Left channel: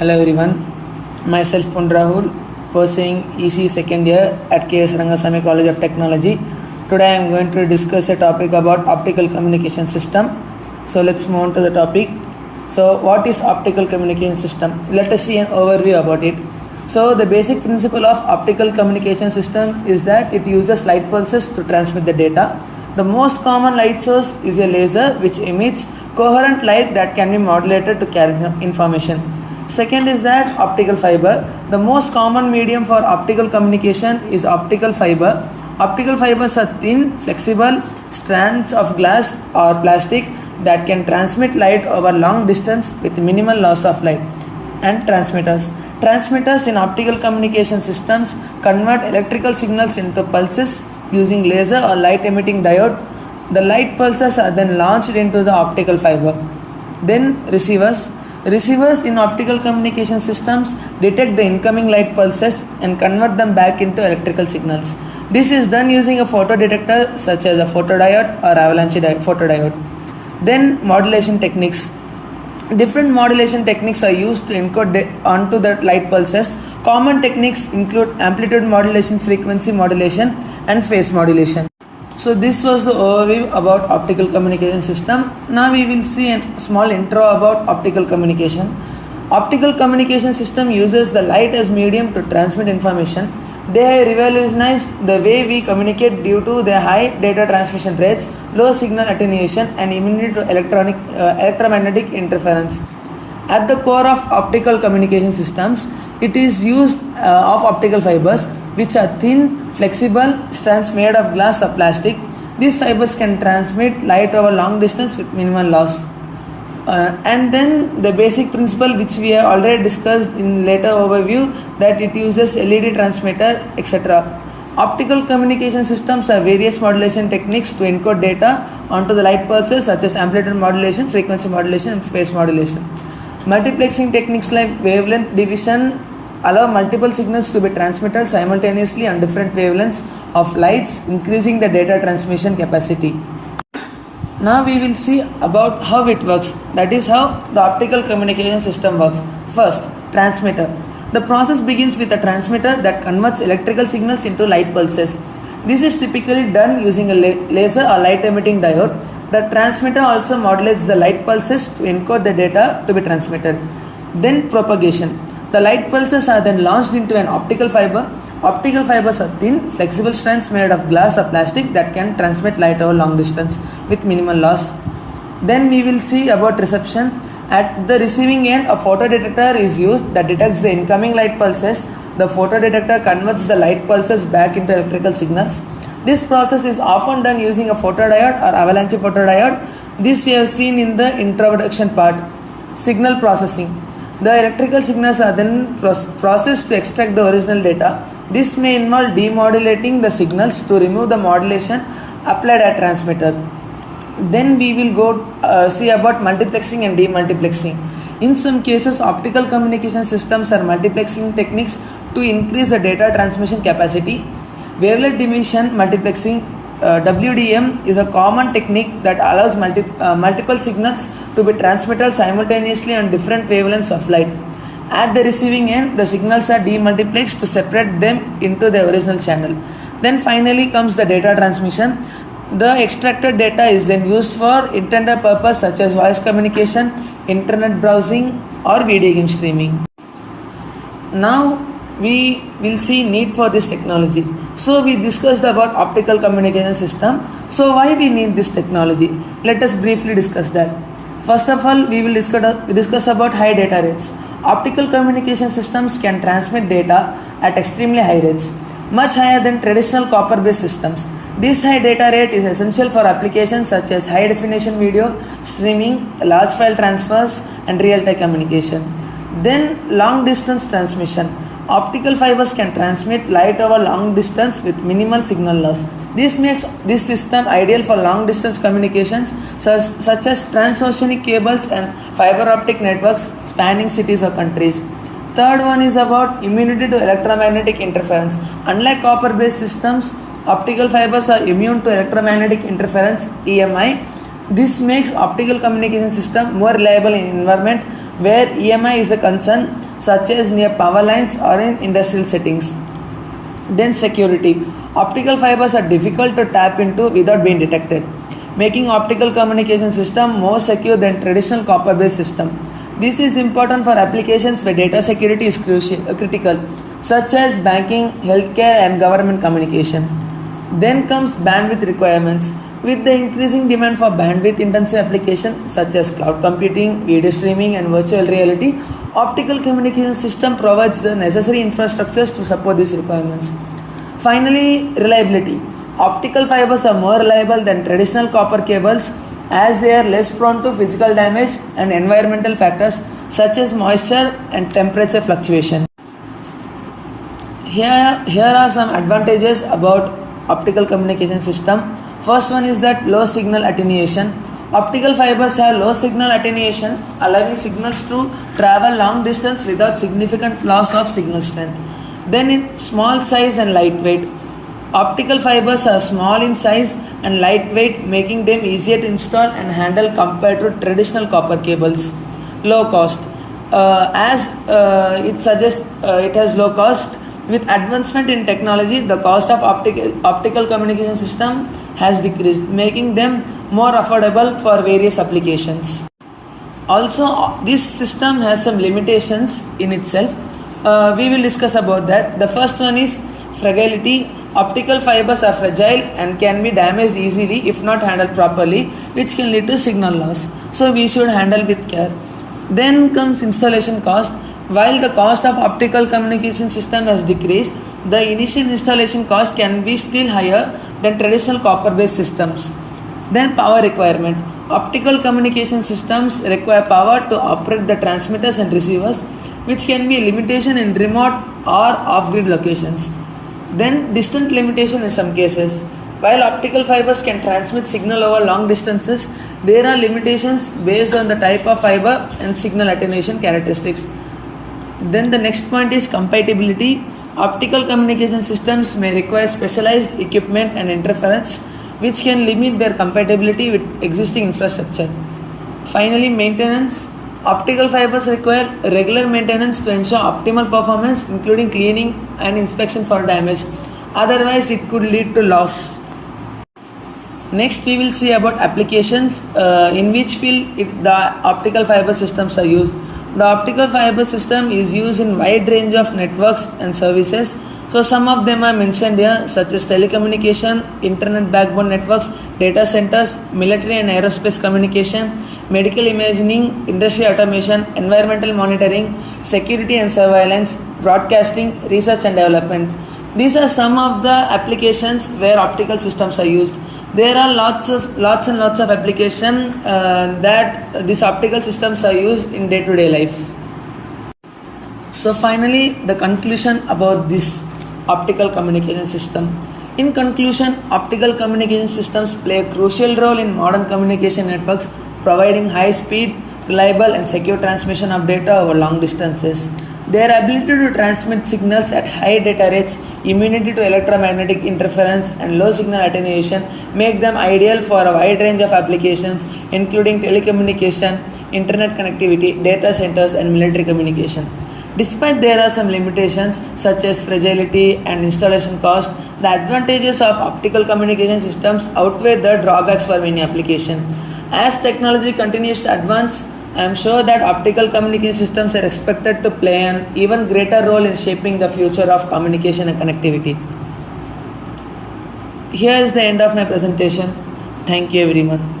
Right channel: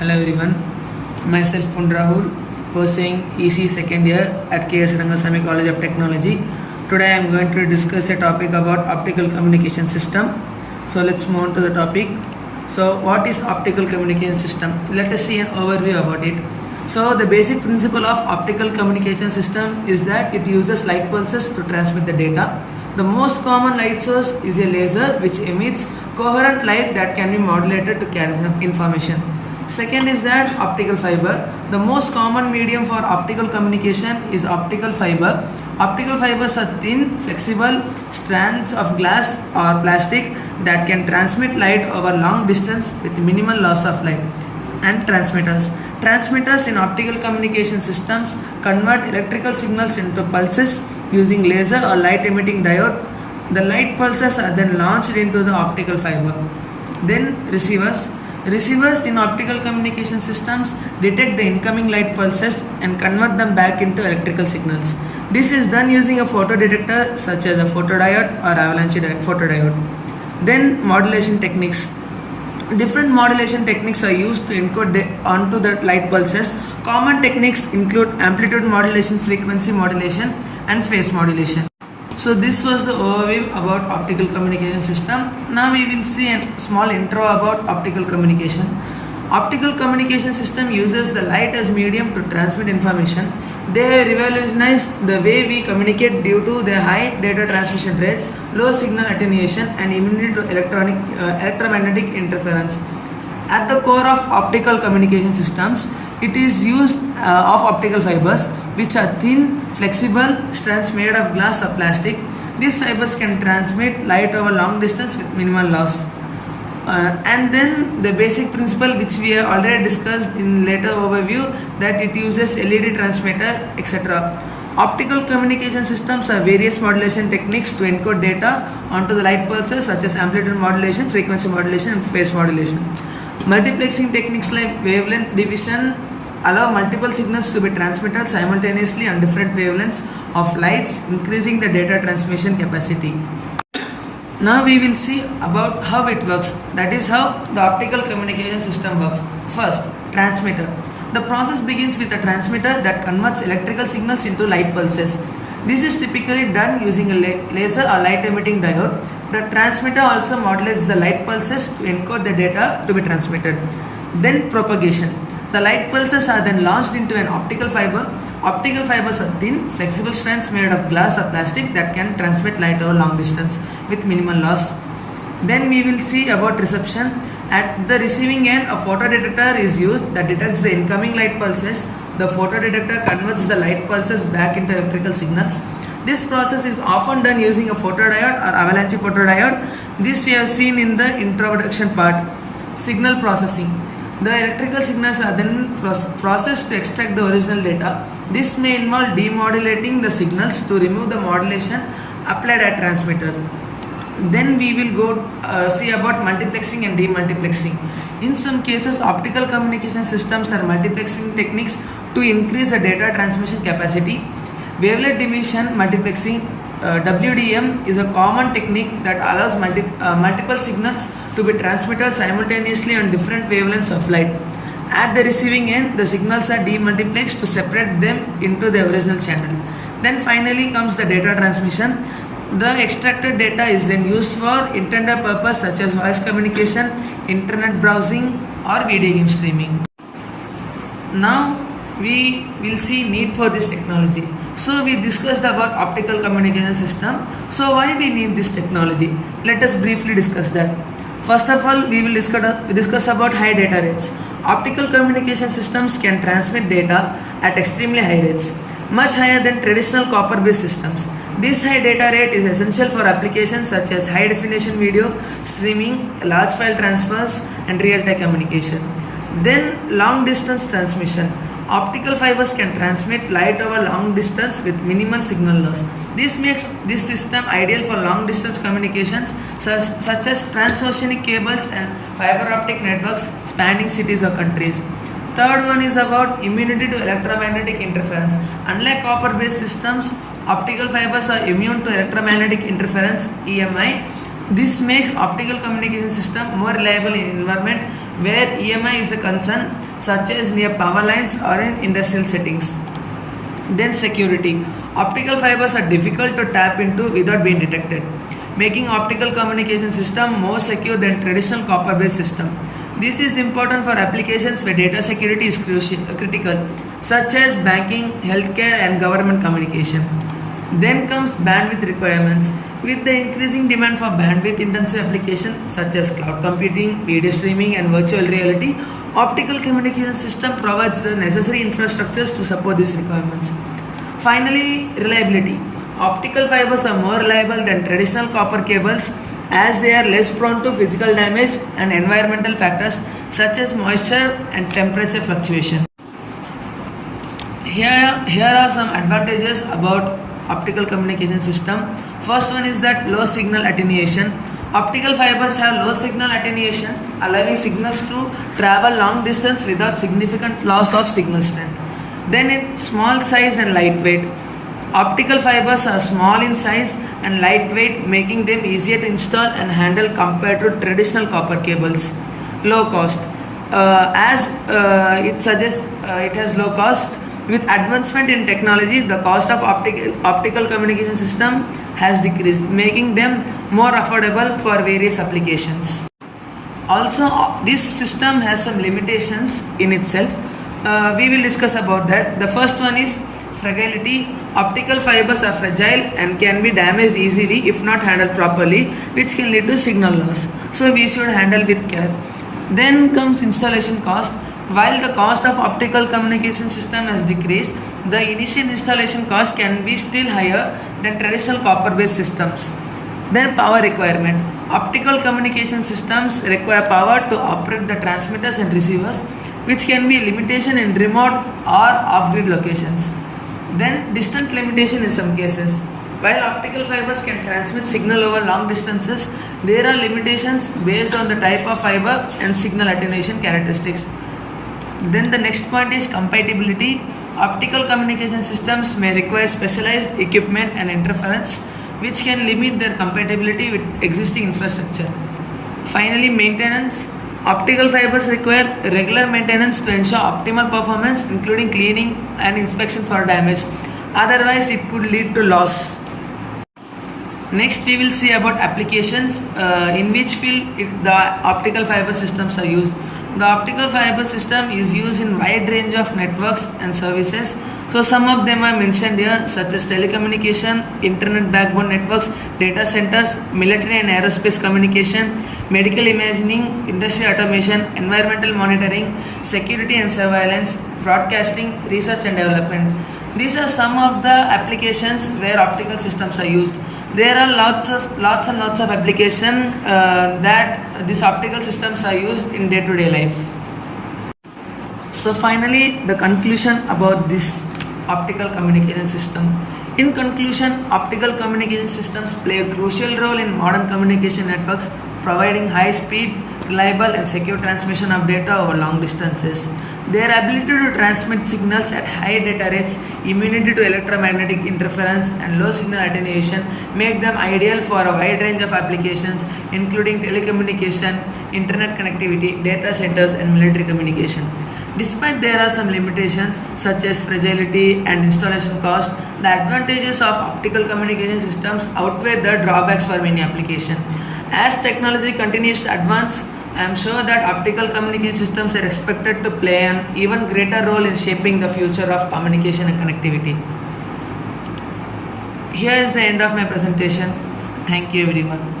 Hello everyone, myself Pund Rahul, pursuing EC second year at KS Rangasamy College of Technology. Today I am going to discuss a topic about optical communication system. So let's move on to the topic. So what is optical communication system? Let us see an overview about it. So the basic principle of optical communication system is that it uses light pulses to transmit the data. The most common light source is a laser which emits coherent light that can be modulated to carry information. Second is that optical fiber. The most common medium for optical communication is optical fiber. Optical fibers are thin, flexible strands of glass or plastic that can transmit light over long distance with minimal loss of light. And transmitters. Transmitters in optical communication systems convert electrical signals into pulses using laser or light emitting diode. The light pulses are then launched into the optical fiber. Then receivers. Receivers in optical communication systems detect the incoming light pulses and convert them back into electrical signals. This is done using a photodetector such as a photodiode or avalanche photodiode. Then modulation techniques. Different modulation techniques are used to encode onto the light pulses. Common techniques include amplitude modulation, frequency modulation, and phase modulation. So this was the overview about optical communication system. Now we will see a small intro about optical communication. Optical communication system uses the light as medium to transmit information. They have revolutionized the way we communicate due to their high data transmission rates, low signal attenuation, and immunity to electromagnetic interference. At the core of optical communication systems, it is used of optical fibers, which are thin, flexible strands made of glass or plastic. These fibers can transmit light over long distance with minimal loss. And then the basic principle which we have already discussed in later overview, that it uses LED transmitter, etc. Optical communication systems have various modulation techniques to encode data onto the light pulses such as amplitude modulation, frequency modulation, and phase modulation. Multiplexing techniques like wavelength division allow multiple signals to be transmitted simultaneously on different wavelengths of lights, increasing the data transmission capacity. Now we will see about how it works, that is how the optical communication system works. First, transmitter. The process begins with a transmitter that converts electrical signals into light pulses. This is typically done using a laser or light emitting diode. The transmitter also modulates the light pulses to encode the data to be transmitted. Then propagation. The light pulses are then launched into an optical fiber. Optical fibers are thin, flexible strands made of glass or plastic that can transmit light over long distance with minimal loss. Then we will see about reception. At the receiving end, a photodetector is used that detects the incoming light pulses. The photodetector converts the light pulses back into electrical signals. This process is often done using a photodiode or avalanche photodiode. This we have seen in the introduction part. Signal processing. The electrical signals are then processed to extract the original data. This may involve demodulating the signals to remove the modulation applied at transmitter. Then we will go see about multiplexing and demultiplexing. In some cases, optical communication systems are multiplexing techniques to increase the data transmission capacity. Wavelength division multiplexing WDM is a common technique that allows multiple signals to be transmitted simultaneously on different wavelengths of light. At the receiving end, the signals are demultiplexed to separate them into the original channel. Then finally comes the data transmission. The extracted data is then used for intended purpose such as voice communication, internet browsing, or video game streaming. Now we will see need for this technology. So we discussed about optical communication system. So why we need this technology? Let us briefly discuss that. First of all, we will discuss about high data rates. Optical communication systems can transmit data at extremely high rates, much higher than traditional copper-based systems. This high data rate is essential for applications such as high definition video, streaming, large file transfers, and real-time communication. Then long distance transmission. Optical fibers can transmit light over long distance with minimal signal loss. This makes this system ideal for long distance communications such as transoceanic cables and fiber optic networks spanning cities or countries. Third one is about immunity to electromagnetic interference. Unlike copper based systems, optical fibers are immune to electromagnetic interference (EMI). This makes optical communication system more reliable in environment where EMI is a concern, such as near power lines or in industrial settings. Then security. Optical fibers are difficult to tap into without being detected, making optical communication system more secure than traditional copper-based system. This is important for applications where data security is critical, such as banking, healthcare, and government communication. Then comes bandwidth requirements. With the increasing demand for bandwidth-intensive applications such as cloud computing, video streaming, and virtual reality, optical communication system provides the necessary infrastructures to support these requirements. Finally, reliability. Optical fibers are more reliable than traditional copper cables as they are less prone to physical damage and environmental factors such as moisture and temperature fluctuation. Here are some advantages about optical communication system. First one is that low signal attenuation. Optical fibers have low signal attenuation, allowing signals to travel long distance without significant loss of signal strength. Then in small size and lightweight. Optical fibers are small in size and lightweight, making them easier to install and handle compared to traditional copper cables. Low cost. As it suggests, it has low cost. With advancement in technology, the cost of optical communication system has decreased, making them more affordable for various applications. Also, this system has some limitations in itself. We will discuss about that. The first one is fragility. Optical fibers are fragile and can be damaged easily if not handled properly, which can lead to signal loss. So we should handle with care. Then comes installation cost. While the cost of optical communication system has decreased, the initial installation cost can be still higher than traditional copper-based systems. Then power requirement. Optical communication systems require power to operate the transmitters and receivers, which can be a limitation in remote or off-grid locations. Then distant limitation in some cases. While optical fibers can transmit signal over long distances, there are limitations based on the type of fiber and signal attenuation characteristics. Then the next point is compatibility. Optical communication systems may require specialized equipment and interference, which can limit their compatibility with existing infrastructure. Finally, maintenance. Optical fibers require regular maintenance to ensure optimal performance, including cleaning and inspection for damage. Otherwise, it could lead to loss. Next, we will see about applications in which field the optical fiber systems are used. The optical fiber system is used in wide range of networks and services. So some of them are mentioned here, such as telecommunication, internet backbone networks, data centers, military and aerospace communication, medical imaging, industrial automation, environmental monitoring, security and surveillance, broadcasting, research and development. These are some of the applications where optical systems are used. There are lots and lots of applications that these optical systems are used in day-to-day life. So finally, the conclusion about this optical communication system. In conclusion, optical communication systems play a crucial role in modern communication networks, providing high speed, reliable and secure transmission of data over long distances. Their ability to transmit signals at high data rates, immunity to electromagnetic interference and low signal attenuation make them ideal for a wide range of applications including telecommunication, internet connectivity, data centers and military communication. Despite there are some limitations such as fragility and installation cost, the advantages of optical communication systems outweigh the drawbacks for many applications. As technology continues to advance, I am sure that optical communication systems are expected to play an even greater role in shaping the future of communication and connectivity. Here is the end of my presentation. Thank you everyone.